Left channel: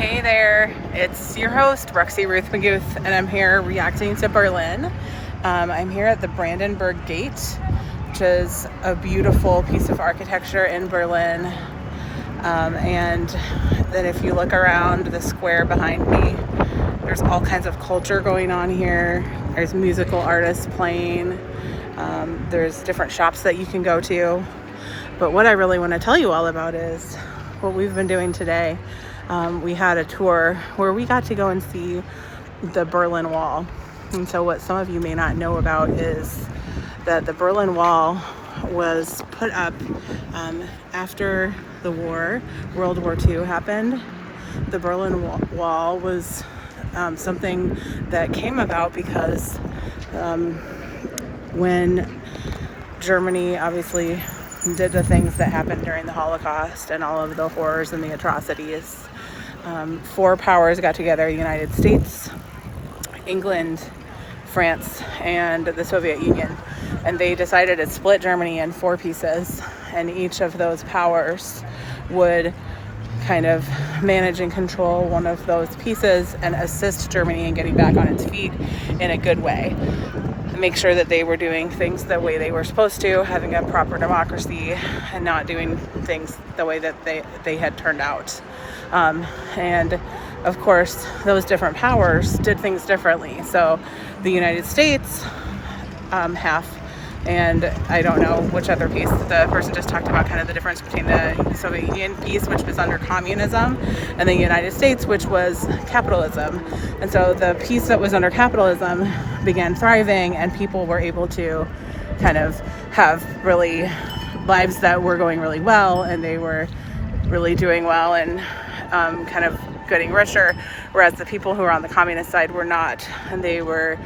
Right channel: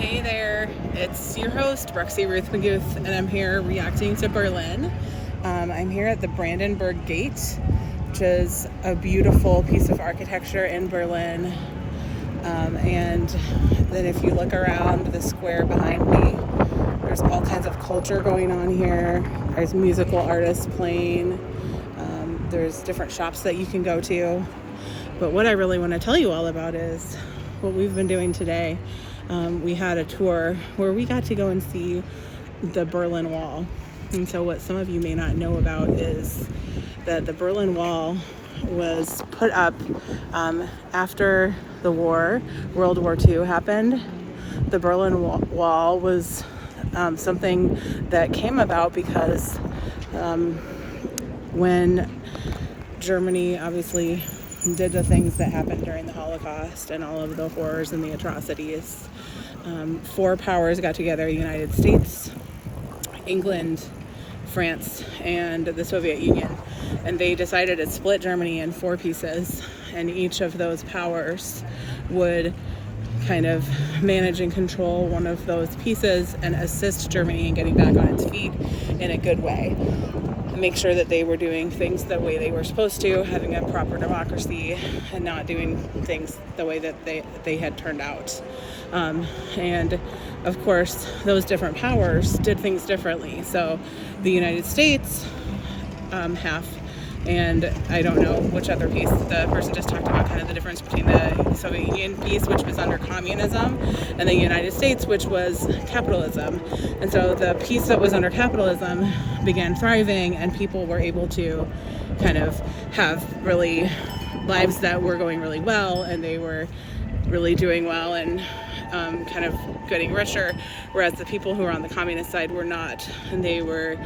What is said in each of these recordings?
Hey there, it's your host, Ruth McGuth, and I'm here reacting to Berlin. I'm here at the Brandenburg Gate, which is a beautiful piece of architecture in Berlin. And then if you look around the square behind me, there's all kinds of culture going on here. There's musical artists playing. There's different shops that you can go to. But what I really want to tell you all about is what we've been doing today. We had a tour where we got to go and see the Berlin Wall. And so what some of you may not know about is that the Berlin Wall was put up after the war, World War II happened. The Berlin Wall was something that came about because when Germany obviously did the things that happened during the Holocaust and all of the horrors and the atrocities, four powers got together: the United States, England, France, and the Soviet Union, and they decided to split Germany in four pieces, and each of those powers would kind of manage and control one of those pieces and assist Germany in getting back on its feet in a good way. Make sure that they were doing things the way they were supposed to, having a proper democracy and not doing things the way that they had turned out. And of course, those different powers did things differently. So the United States, half, and I don't know which other piece. The person just talked about kind of the difference between the Soviet Union piece, which was under communism, and the United States, which was capitalism. And so the piece that was under capitalism began thriving, and people were able to kind of have really lives that were going really well, and they were really doing well and kind of getting richer, whereas the people who were on the communist side were not, and they were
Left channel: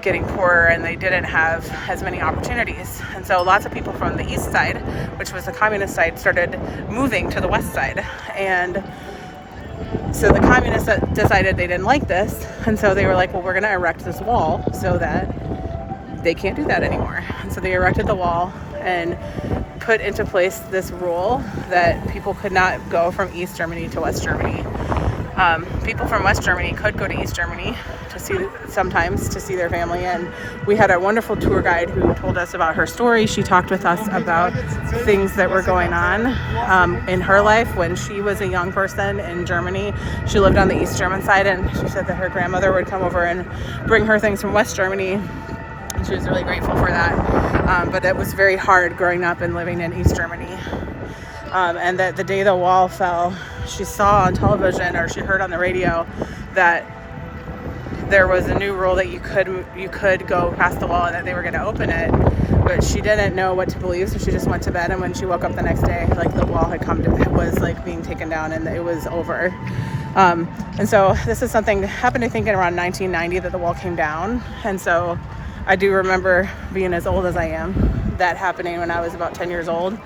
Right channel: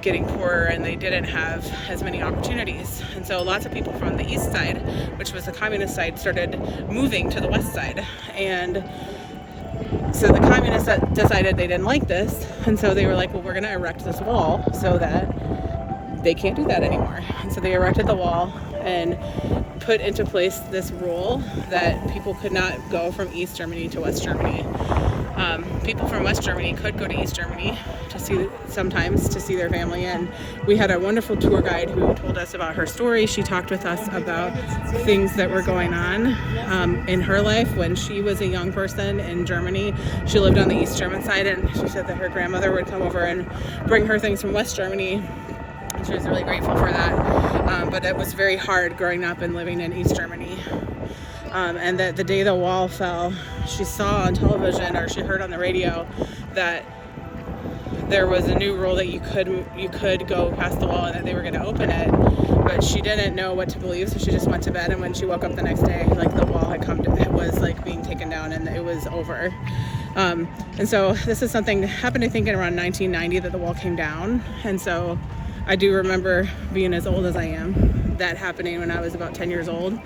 getting poorer, and they didn't have as many opportunities. And so lots of people from the east side, which was the communist side, started moving to the west side. And so the communists decided they didn't like this, and so they were like, well, we're going to erect this wall so that they can't do that anymore. And so they erected the wall and put into place this rule that people could not go from East Germany to West Germany. People from West Germany could go to East Germany sometimes to see their family, and we had a wonderful tour guide who told us about her story. She talked with us about things that were going on in her life when she was a young person in Germany. She lived on the East German side, and she said that her grandmother would come over and bring her things from West Germany. She was really grateful for that, but it was very hard growing up and living in East Germany. And that the day the wall fell, she saw on television, or she heard on the radio, that there was a new rule that you could go past the wall and that they were going to open it, but she didn't know what to believe, so she just went to bed. And when she woke up the next day, like, the wall had it was like being taken down and it was over. And so this is something that happened, I think, in around 1990, that the wall came down. And so I do remember, being as old as I am, that happening when I was about 10 years old.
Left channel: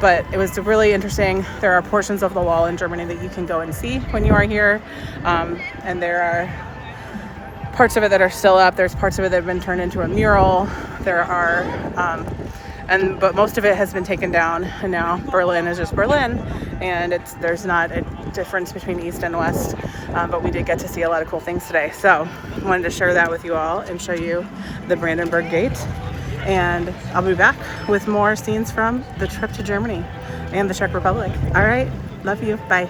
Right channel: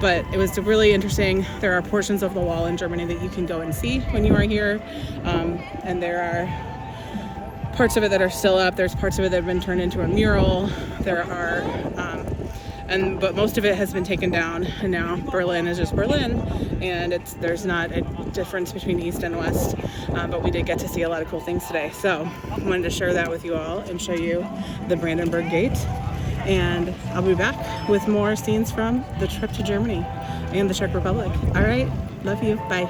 But it was really interesting. There are portions of the wall in Germany that you can go and see when you are here. And there are parts of it that are still up. There's parts of it that have been turned into a mural. There are, but most of it has been taken down. And now Berlin is just Berlin. And there's not a difference between East and West. But we did get to see a lot of cool things today. So I wanted to share that with you all and show you the Brandenburg Gate. And I'll be back with more scenes from the trip to Germany and the Czech Republic. All right, love you, bye.